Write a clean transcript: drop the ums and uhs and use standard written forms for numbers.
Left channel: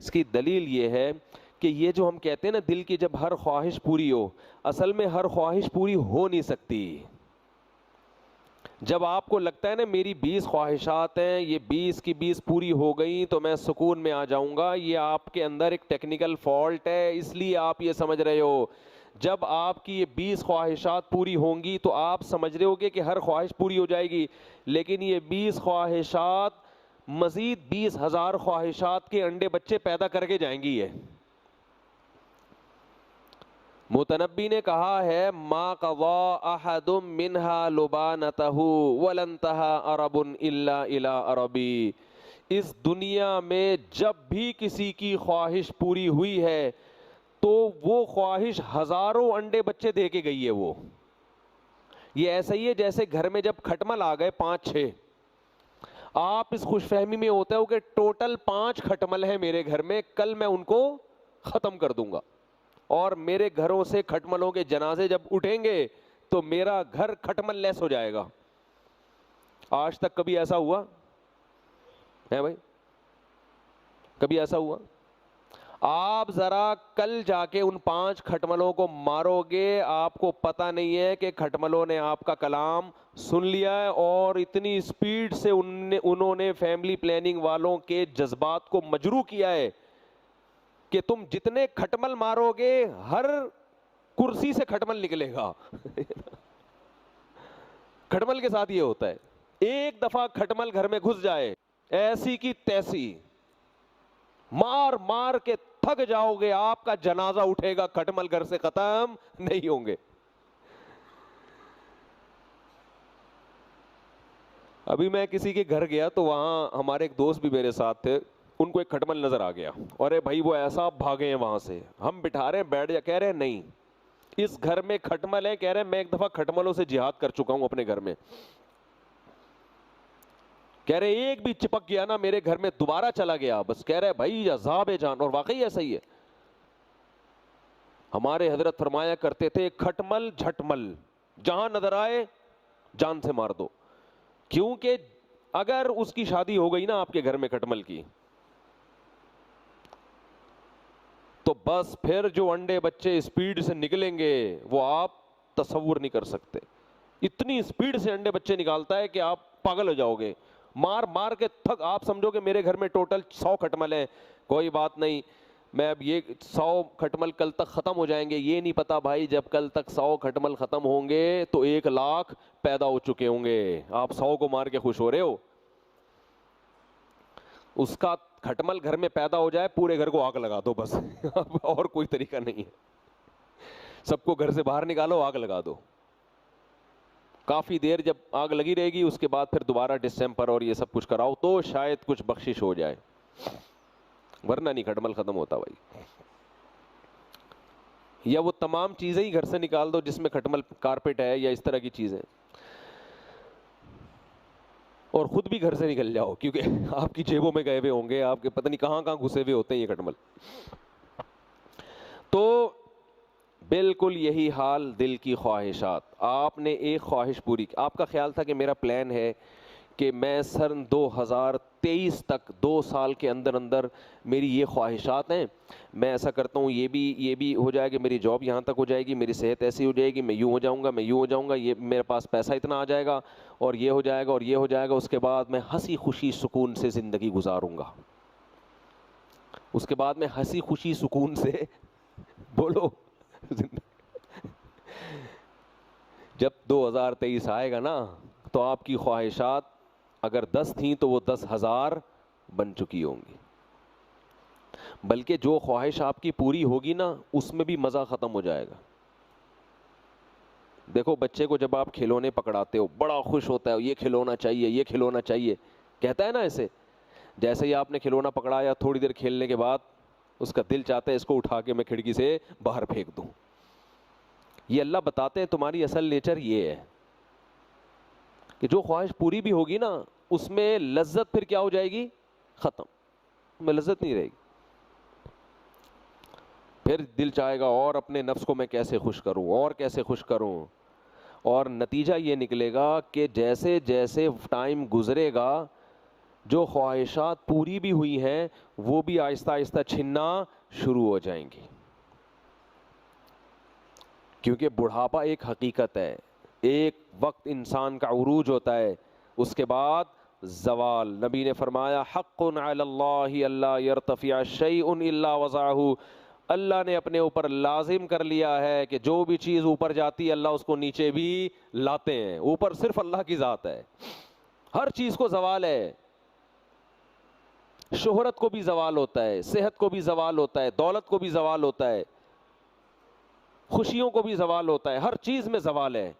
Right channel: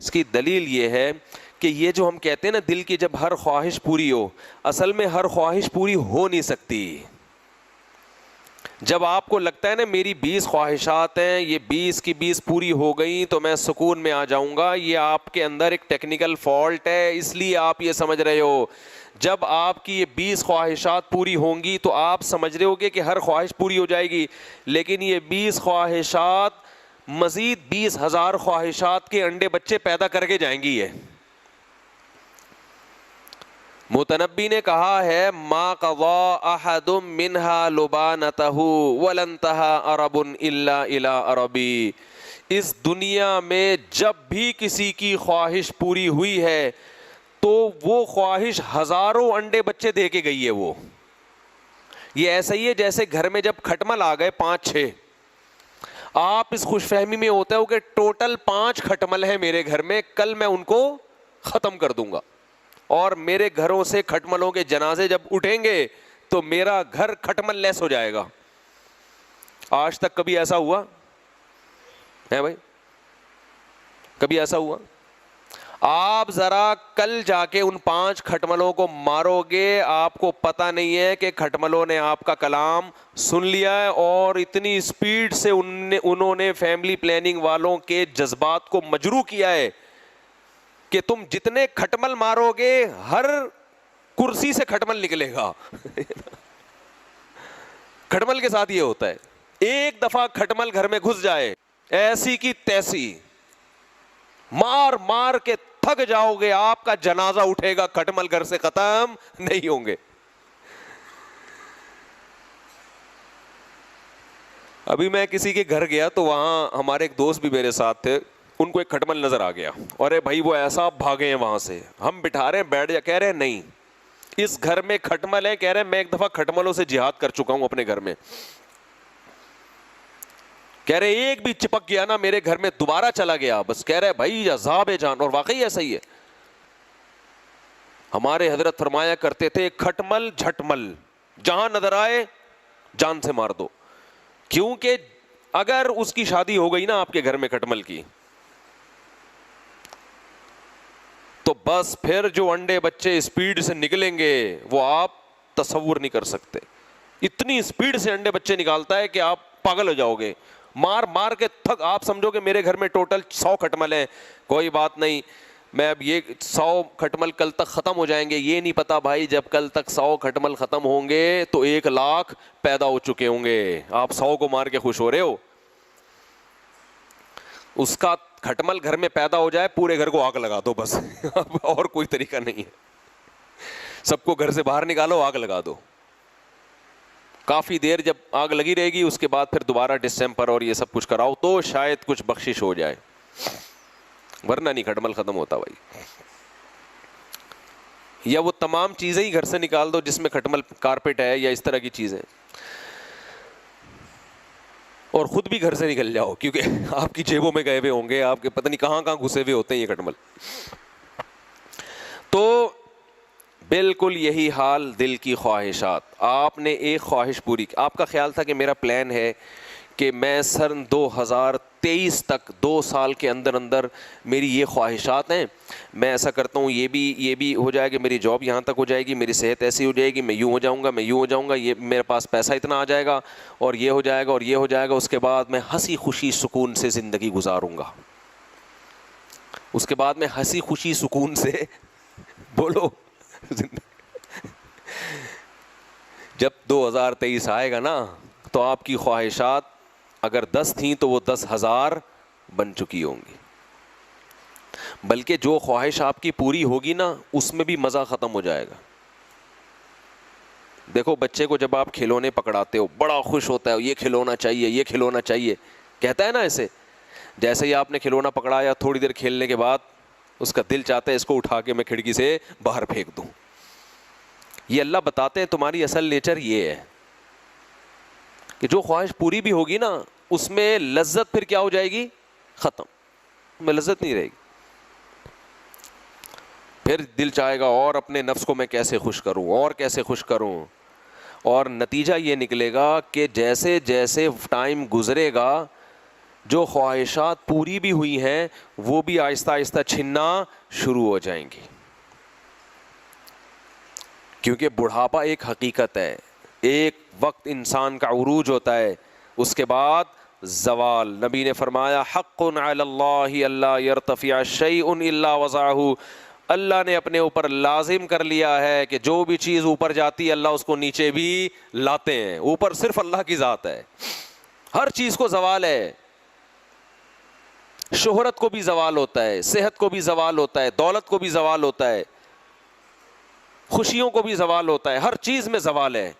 اس کی دلیل یہ ہے کہ یہ جو ہم کہتے ہیں نا دل کی جب ہر خواہش پوری ہو، اصل میں ہر خواہش پوری ہو نہیں سکتی. جب آپ کو لگتا ہے نا میری 20 خواہشات ہیں، یہ 20 کی 20 پوری ہو گئیں تو میں سکون میں آ جاؤں گا، یہ آپ کے اندر ایک ٹیکنیکل فالٹ ہے، اس لیے آپ یہ سمجھ رہے ہو. جب آپ کی یہ 20 خواہشات پوری ہوں گی تو آپ سمجھ رہے ہوگے کہ ہر خواہش پوری ہو جائے گی، لیکن یہ 20 خواہشات مزید 20,000 خواہشات کے انڈے بچے پیدا کر کے جائیں گی. یہ متنبی نے کہا ہے ما قضا احد منها لبانته ولا انتهى عرب الا الى عربی. اس دنیا میں جب بھی کسی کی خواہش پوری ہوئی ہے تو وہ خواہش ہزاروں انڈے بچے دے کے گئی ہے. وہ یہ ایسا ہی ہے جیسے گھر میں جب کھٹمل آ گئے 5-6، آپ اس خوش فہمی میں ہوتے ہو کہ ٹوٹل 5 کھٹمل ہیں میرے گھر میں، کل میں ان کو ختم کر دوں گا، اور میرے گھروں سے کھٹملوں کے جنازے جب اٹھیں گے تو میرا گھر کھٹمل لیس ہو جائے گا. آج تک کبھی ایسا ہوا ہے بھائی؟ کبھی ایسا ہوا؟ آپ ذرا کل جا کے ان 5 کھٹملوں کو مارو گے، آپ کو پتہ نہیں ہے کہ کھٹملوں نے آپ کا کلام سن لیا ہے، اور اتنی سپیڈ سے انہوں نے فیملی پلاننگ والوں کے جذبات کو مجروح کیا ہے کہ تم جتنے کھٹمل مارو گے ہر کرسی سے کھٹمل نکلے گا. کھٹمل کے ساتھ یہ ہوتا ہے، ایک دفعہ کھٹمل گھر میں گھس جائے ایسی کی تیسی مار مار کے تھک جاؤ گے، آپ کا جنازہ اٹھے گا، کھٹمل گھر سے ختم نہیں ہوں گے. ابھی میں کسی کے گھر گیا تو وہاں ہمارے ایک دوست بھی میرے ساتھ تھے، ان کو ایک کھٹمل نظر آ گیا، اور بھائی وہ ایسا بھاگے ہیں وہاں سے. ہم بٹھا رہے ہیں بیٹھ جا، کہہ رہے ہیں نہیں اس گھر میں کھٹمل ہے. کہہ رہے ہیں میں ایک دفعہ کھٹملوں سے جہاد کر چکا ہوں اپنے گھر میں. کہہ رہے ایک بھی چپک گیا نا میرے گھر میں دوبارہ چلا گیا بس. کہہ رہے بھائی عذاب جان، اور واقعی ایسا ہی ہے. ہمارے حضرت فرمایا کرتے تھے کھٹمل جھٹمل جہاں نظر آئے جان سے مار دو. کیونکہ اگر اس کی شادی ہو گئی نا آپ کے گھر میں کھٹمل کی، تو بس پھر جو انڈے بچے اسپیڈ سے نکلیں گے وہ آپ تصور نہیں کر سکتے. اتنی اسپیڈ سے انڈے بچے نکالتا ہے کہ آپ پاگل ہو جاؤ گے، مار مار کے تھک. آپ سمجھو کہ میرے گھر میں ٹوٹل 100 کھٹمل ہیں، کوئی بات نہیں، میں اب یہ 100 کھٹمل کل تک ختم ہو جائیں گے. یہ نہیں پتا بھائی جب کل تک 100 کھٹمل ختم ہوں گے تو 1,00,000 پیدا ہو چکے ہوں گے. آپ 100 کو مار کے خوش ہو رہے ہو. اس کا کھٹمل گھر میں پیدا ہو جائے پورے گھر کو آگ لگا دو بس. اور کوئی طریقہ نہیں ہے. سب کو گھر سے باہر نکالو، آگ لگا دو. کافی دیر جب آگ لگی رہے گی اس کے بعد پھر دوبارہ ڈسٹمپر اور یہ سب کچھ کراؤ تو شاید کچھ بخشش ہو جائے، ورنہ نہیں کھٹمل ختم ہوتا بھائی. یا وہ تمام چیزیں ہی گھر سے نکال دو جس میں کھٹمل، کارپیٹ ہے یا اس طرح کی چیزیں، اور خود بھی گھر سے نکل جاؤ کیونکہ آپ کی جیبوں میں گئے ہوئے ہوں گے، آپ کے پتہ نہیں کہاں کہاں گھسے ہوئے ہوتے ہیں یہ کھٹمل. تو بالکل یہی حال دل کی خواہشات. آپ نے ایک خواہش پوری کی، آپ کا خیال تھا کہ میرا پلان ہے کہ میں سن 2023 تک 2 سال کے اندر اندر میری یہ خواہشات ہیں، میں ایسا کرتا ہوں، یہ بھی ہو جائے گا، میری جاب یہاں تک ہو جائے گی، میری صحت ایسی ہو جائے گی، میں یوں ہو جاؤں گا، میں یوں ہو جاؤں گا، یہ میرے پاس پیسہ اتنا آ جائے گا، اور یہ ہو جائے گا اور یہ ہو جائے گا. اس کے بعد میں ہنسی خوشی سکون سے زندگی گزاروں گا. اس کے بعد میں ہنسی خوشی سکون سے بولو جب 2023 آئے گا نا تو آپ کی خواہشات اگر 10 تھیں تو وہ 10,000 بن چکی ہوں گی. بلکہ جو خواہش آپ کی پوری ہوگی نا اس میں بھی مزہ ختم ہو جائے گا. دیکھو بچے کو جب آپ کھلونے پکڑاتے ہو بڑا خوش ہوتا ہے، یہ کھلونا چاہیے، یہ کھلونا چاہیے، کہتا ہے نا ایسے. جیسے ہی آپ نے کھلونا پکڑایا تھوڑی دیر کھیلنے کے بعد اس کا دل چاہتا ہے اس کو اٹھا کے میں کھڑکی سے باہر پھینک دوں. یہ اللہ بتاتے ہیں تمہاری اصل نیچر یہ ہے کہ جو خواہش پوری بھی ہوگی نا اس میں لذت پھر کیا ہو جائے گی؟ ختم. میں لذت نہیں رہے گی. پھر دل چاہے گا اور اپنے نفس کو میں کیسے خوش کروں اور کیسے خوش کروں. اور نتیجہ یہ نکلے گا کہ جیسے جیسے ٹائم گزرے گا جو خواہشات پوری بھی ہوئی ہیں وہ بھی آہستہ آہستہ چھننا شروع ہو جائیں گی، کیونکہ بڑھاپا ایک حقیقت ہے، ایک وقت انسان کا عروج ہوتا ہے، اس کے بعد زوال۔ نبی نے فرمایا حق علی اللہ اللہ یرتفع شیء الا وضعہ، اللہ نے اپنے اوپر لازم کر لیا ہے کہ جو بھی چیز اوپر جاتی ہے اللہ اس کو نیچے بھی لاتے ہیں۔ اوپر صرف اللہ کی ذات ہے، ہر چیز کو زوال ہے، شہرت کو بھی زوال ہوتا ہے، صحت کو بھی زوال ہوتا ہے، دولت کو بھی زوال ہوتا ہے، خوشیوں کو بھی زوال ہوتا ہے، ہر چیز میں زوال ہے۔